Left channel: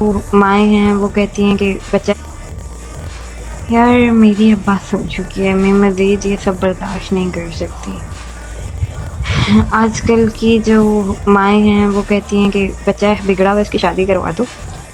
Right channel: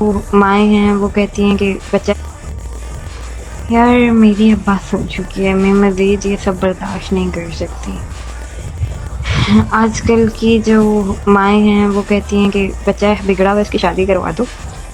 وہ مائیں ہیں وہ کہتی ہیں کہ بچہ یار میری اب بات سن چکی ہے، میں مزید یہ سب برداشت نہیں کر سکتی. آج کل کی جو مائیں ہیں وہ کہتی ہیں کہ بچہ بگڑا ہوا اس کی شادی کروا دو،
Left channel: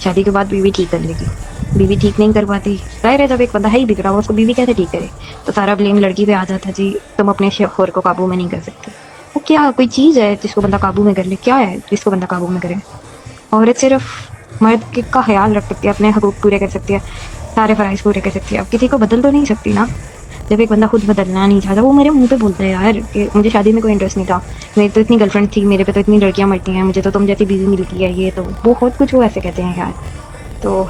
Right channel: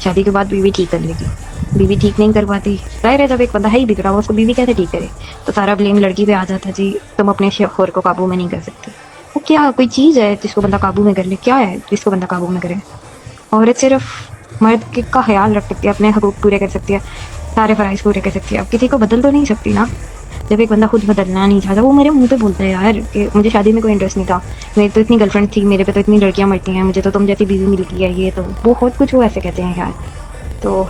شادی کے بعد بیوی ٹھیک کر لے گی. بیوی ٹھیک نہیں کرواتی، ظاہر ہے جب ایک بندہ ہے ہی بگڑا ہوا اس کو بیوی کیسے ٹھیک کرے؟ تو سارا بلیم لڑکی پہ آ جاتا، جی تم اپنے شوہر کو قابو میں نہیں کر سکتی. وہ کیا کوئی چیز ہے جس کو بندہ قابو میں کر لے؟ کیا ہے جس کو بندہ قابو میں کرے؟ عورت صرف مرد کا خیال رکھ سکتی ہے، اپنے حقوق پورے کر سکتی ہے، سارے فرائض پورے کر سکتی ہے. اب کسی کو بدل تو نہیں سکتی نا. جب ایک بندہ خود بدلنا نہیں چاہتا، وہ میرے منہ پہ بولتا ہے یار کہ مجھے شادی میں کوئی انٹرسٹ نہیں تھا، میری تو اتنی گرل فرینڈ تھی، میرے پہ تو اتنی لڑکیاں مرتی ہیں، مجھے تو تم جیسی بیوی ملتی ہے، یہ تو بہت کچھ وہ ایسے کہتے ہیں یار. تو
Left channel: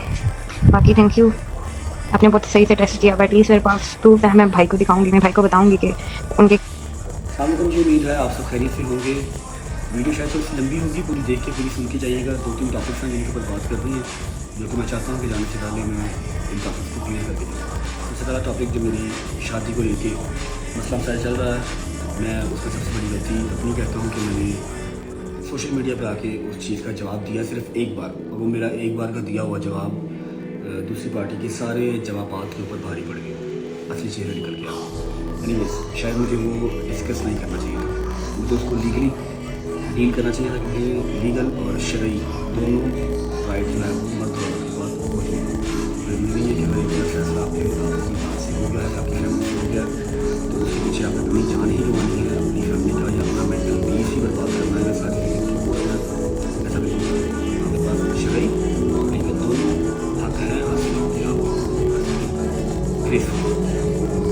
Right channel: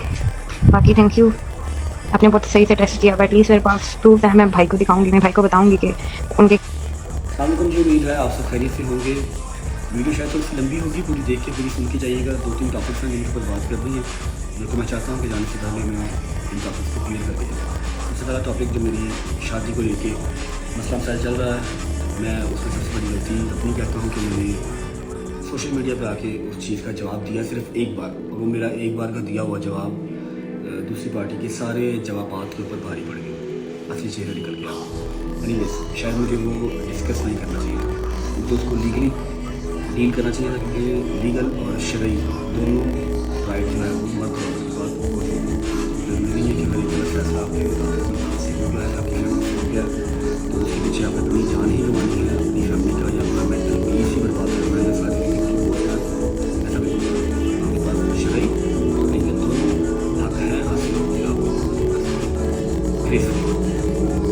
باقی تھینک یو، آپ نے بہت صحیح سے ٹیسٹ کیا. ایٹ لیسٹ میرے پاس پروف ہے، میں بھائی کو دکھاؤں گی، میں بھائی کو بتاؤں گی کہ ان کے السلام علیکم جی. امید ہے آپ سب خیریت سے ہوں گے. ویڈیو شاید تھوڑی سی لمبی ہوگی، پوری دیکھ کے پوری سن کے جائیے گا. 2-3 ٹاپکس ہیں جن کے اوپر بات کر رہی ہیں، جو کہ میں چاہتا ہوں کہ جانے سے پہلے میں ان ٹاپکس کو کلیئر کر کے جاؤں. سب سے پہلا ٹاپک جو میری شادی کو لے کے مسئلہ مسائل چل رہا ہے، میں اس میں سب سے بڑی غلطی اپنی کہتا ہوں کہ میں نے سوشل میڈیا پہ آ کے اس چیز کا جواب دیا صرف ایک بار، اور وہ میرا ایک بار کا دیا ہوا جواب دوسری پارٹی کے سارے جوابات کے اوپر بھاری پڑ گیا، اصلی چہرہ نکل گیا. اینی ویز شاید مجھے وہ ڈسکس نہیں کرنا چاہیے تھا، مجھے اس کو لیگلی ڈیل کرنا چاہیے تھا، کیونکہ لیگل اور شرعی دونوں رائٹ جو ہے وہ مرد اور عورت کے پاس موجود ہیں. ضروری نہیں ہے کہ اگر ایک غلط فیصلہ آپ کی ذات سے ہو گیا ہے یا آپ کی فیملی سے ہو گیا ہے تو اس کے پیچھے آپ نے اپنی جان ہی گنوانی ہے، اپنی فیملی کا یا اپنا مینٹل پیس ہی برباد کرنا ہے یا ساری زندگی خود کو کوسنا ہے. ایسا بالکل ضروری نہیں ہے. آپ کے پاس شرعی اور لیگل دونوں حق ہیں حاصل کہ آپ اس کو ختم کر سکیں گریسفلی.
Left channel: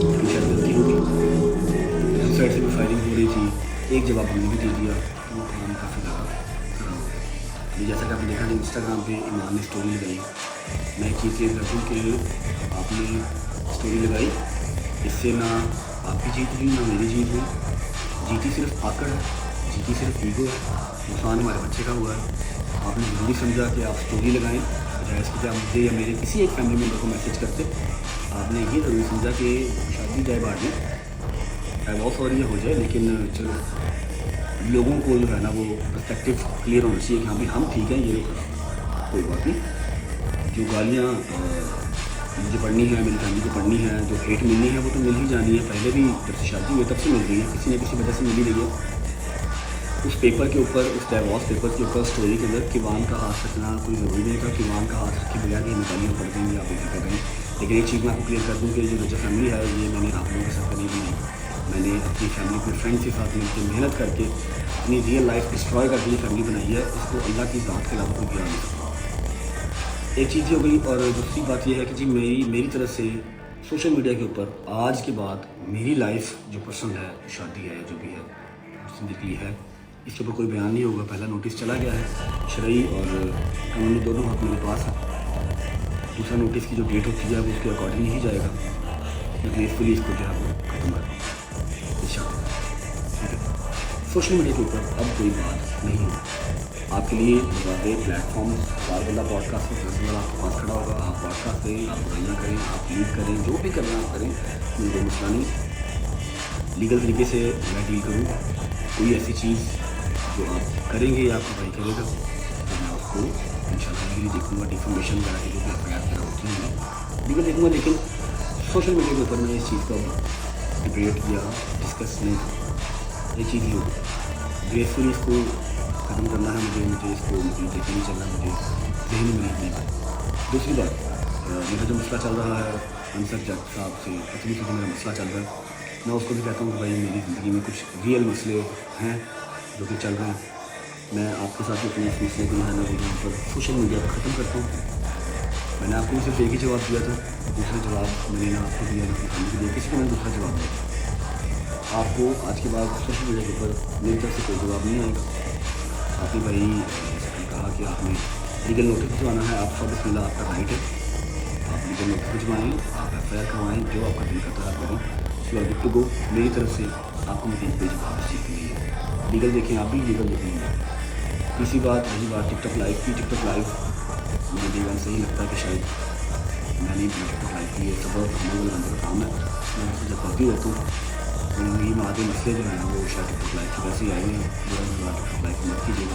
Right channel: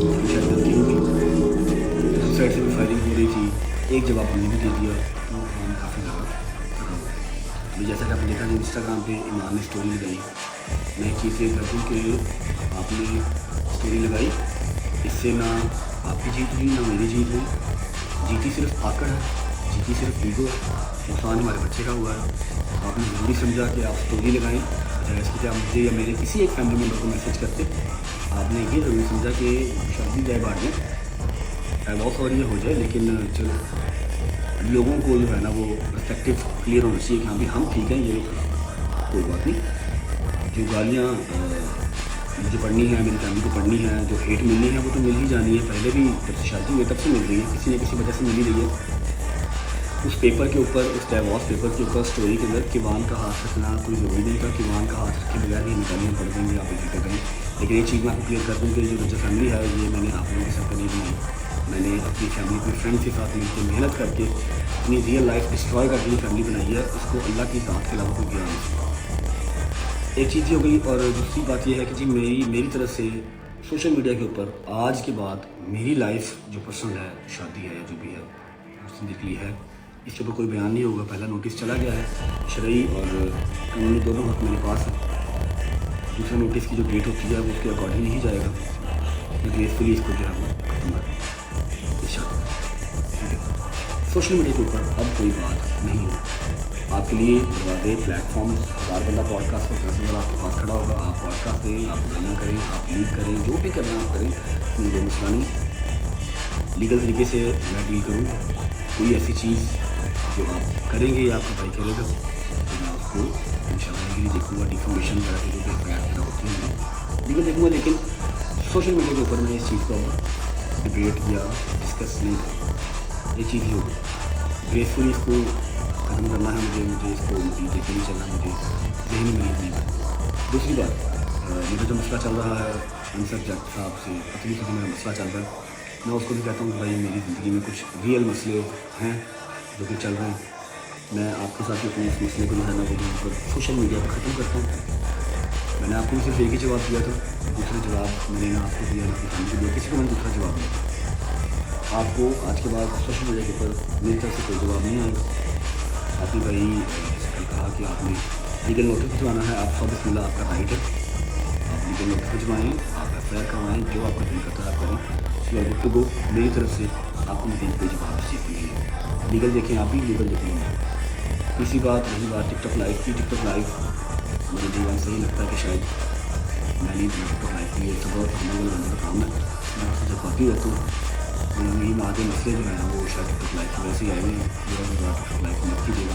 لیکن شاید غلطی ہو گئی، دوسری سائڈ سے بھی فائرنگ ہو رہی تھی، ایک جواب ہم نے بھی دے دیا تو وہ کام کافی زیادہ خراب ہو گیا. ابھی جیسا کہ آپ نے دیکھا کہ انسٹاگرام پہ ایمان نے اسٹوری لگائی. میں ایک چیز کلیئر کر دوں کہ آپ نے اسٹوری لگائی، اس سے نہ آپ کی جیت ہوئی نہ میری جیت ہوئی. جیتی صرف آکڑ ہے، جیتی صرف ایگو ہے، نقصان ہمارے بچے کا ہوا ہے. آپ نے ضروری سمجھا کہ آپ اسٹوری لگائیں بجائے اس کے کہ آپ مجھے یا میرے کسی ایک فیملی ممبر کو میسج کرتے. آپ نے یہ ضروری سمجھا کہ شادی جائے بعد میں ڈائیورس ہو رہی ہے ہو جائے، لیکن چلو لوگوں کو جو ہے نا وہ پرسپیکٹیو کلیئر ہونا چاہیے کہ ہاں بھی ہم ٹھیک ہیں، یہ لوگ خراب ہیں. کوئی بات نہیں، جو گالیاں مجھے پڑھنی ہے، میری فیملی کو پڑھنی ہے، جو ہیٹ ملنی ہے وہ تو مل ہی جانی ہے. پہلے بھی جب سے شادی ہوئی تب سے مل رہی ہے، کسی نہ کسی وجہ سے مل ہی رہی ہے. اس پیپر کے اوپر، اس ڈائیورس پیپر کے اوپر اسٹوری کے اندر کیوان کا ہاتھ رکھنا کوئی ضروری نہیں تھا. کیوان کا ہاتھ رکھے بغیر بھی ہمیں گالیاں پڑ جائیں گی، آپ بے فکر رہیں. لیکن ایک چیز میں آپ کو کلیئر کر دوں کہ جو رجا فیملی ہے یہ میں نے آپ لوگوں کے سر پہ نہیں بنائی. میں نے اپنی فیملی اپنے فرینڈس کے ساتھ مل کے محنت کر کے اپنی ریئل لائف ڈسٹروائے کر کے یہ فیملی بنائی ہے. اس کو اللہ کی ذات کے علاوہ کوئی گرا نہیں سکتا. ایک چیز یہ ہو گئی. اور دوسری بات یہ ہے کہ جی میری طرف سے سوشل میڈیا کے اوپر آج کے بعد میری لائف جو پسند ہے، جو شادی ہے یا جو بھی ہے زندگی ہے، اس کے اوپر کوئی بیان نہیں ہوگا. پہلا نوٹس چلا گیا ہے، شرعی اور قانونی دونوں حق میرے پاس ہیں. دوسرا نوٹس کی جو ڈیٹ ہوتی ہے وہ اس کے اکارڈنگ ہی جائے گا. میں گریسفلی اس کو جو ہے وہ ختم کر رہا ہوں اس شادی کو. ٹھیک ہے، سوشل میڈیا کے اوپر اب کوئی بات نہیں ہوئی. آپ کے لیے دروازے، پلیٹ فارمز، 1000 بندہ پوڈ کاسٹ پر کرنے والا آپ کے پاس کھڑا ہوگا. آپ پوڈ کاسٹ دیں، آپ برائیاں کریں، آپ لیک کریں، جو بھی کرنا آپ کریں، مجھے کوئی مسئلہ نہیں. لیگل طریقے سے میں ڈیل کروں گا. کوئی ایسی چیز جو آپ کریں گے یا آپ کا بھائی کرے گا تو میں اس کو انشاءاللہ لیگلی دیکھوں گا. ڈیفامیشن وغیرہ کی جو بھی ایف آئی آر وغیرہ ہوتی ہوں گی لیگل دیکھوں گا. لیکن سوشل میڈیا کے اوپر میں اس چیز کو اب ڈبیٹ یا ڈسکس نہیں کروں گا. ایک چیز ہی ہوگی، گریسفلی اس کو ختم کرنا ہے. مجھے اس کو مزید لے کے نہیں چلنا، مجھے ذہنی مریض نہیں بننا. دوسری بات، میرا جو مسئلہ چل رہا ہے انصر جٹ صاحب سے، پتلی سے جو میرا مسئلہ چل رہا ہے، میں اس کو بھی کہتا ہوں کہ بھائی میری زندگی میں کچھ ریئل مسئلے ہیں جو کہ چل رہے ہیں. میں آپ کے ساتھ بھی اپنے اس مسئلے کو جو ہے نا وہ یہاں پر سوشل میڈیا پہ ختم کرتا ہوں. میں نے آپ کو بھی صرف ایک ہی جواب دیا تھا، دوسرے جواب میں نے نہ آپ کو دیا نہ اپنی فیملی کو دیا، کسی کو میں نے دوسرا جواب نہیں دیا. آپ کو آج کے بعد سوشل میڈیا کے اوپر میری طرف سے کوئی جواب نہیں آئے گا. آپ نے بھائی جیسے کل کہا کہ آپ نے لیگل نوٹس بھجوانا ہے، آپ 100 بسم اللہ آپ کا رائٹ ہے. آپ لیگل نوٹس بھجوائیں، آپ ایف آئی آر کروائیں، جو آپ کا دل کرتا ہے آپ کریں. You are good to go. میری طرف سے آپ کو مزید کوئی جواب اس چیز پہ نہیں ہے. لیگل دیکھیں آپ بھی، لیگل دیکھیں میں. تیسری بات رہی بات ٹک ٹاک لائیو کی. ٹک ٹاک لائیو مجھے ڈے ون سے ہی لگتا ہے کہ شاید میں نہیں بنا ٹک ٹاک لائیو کی. یہ صبر اور تحمل والے بندے کا کام ہے. میں اس سے جذباتی رہتا ہوں. میری زندگی میں آدھے مسئلے جو ہے نا وہ شاید ٹک ٹاک لائیو کی ویسے ہی آئے ہوئے ہیں. میرا انتظار ٹک ٹاک لائیو مت کیجیے گا.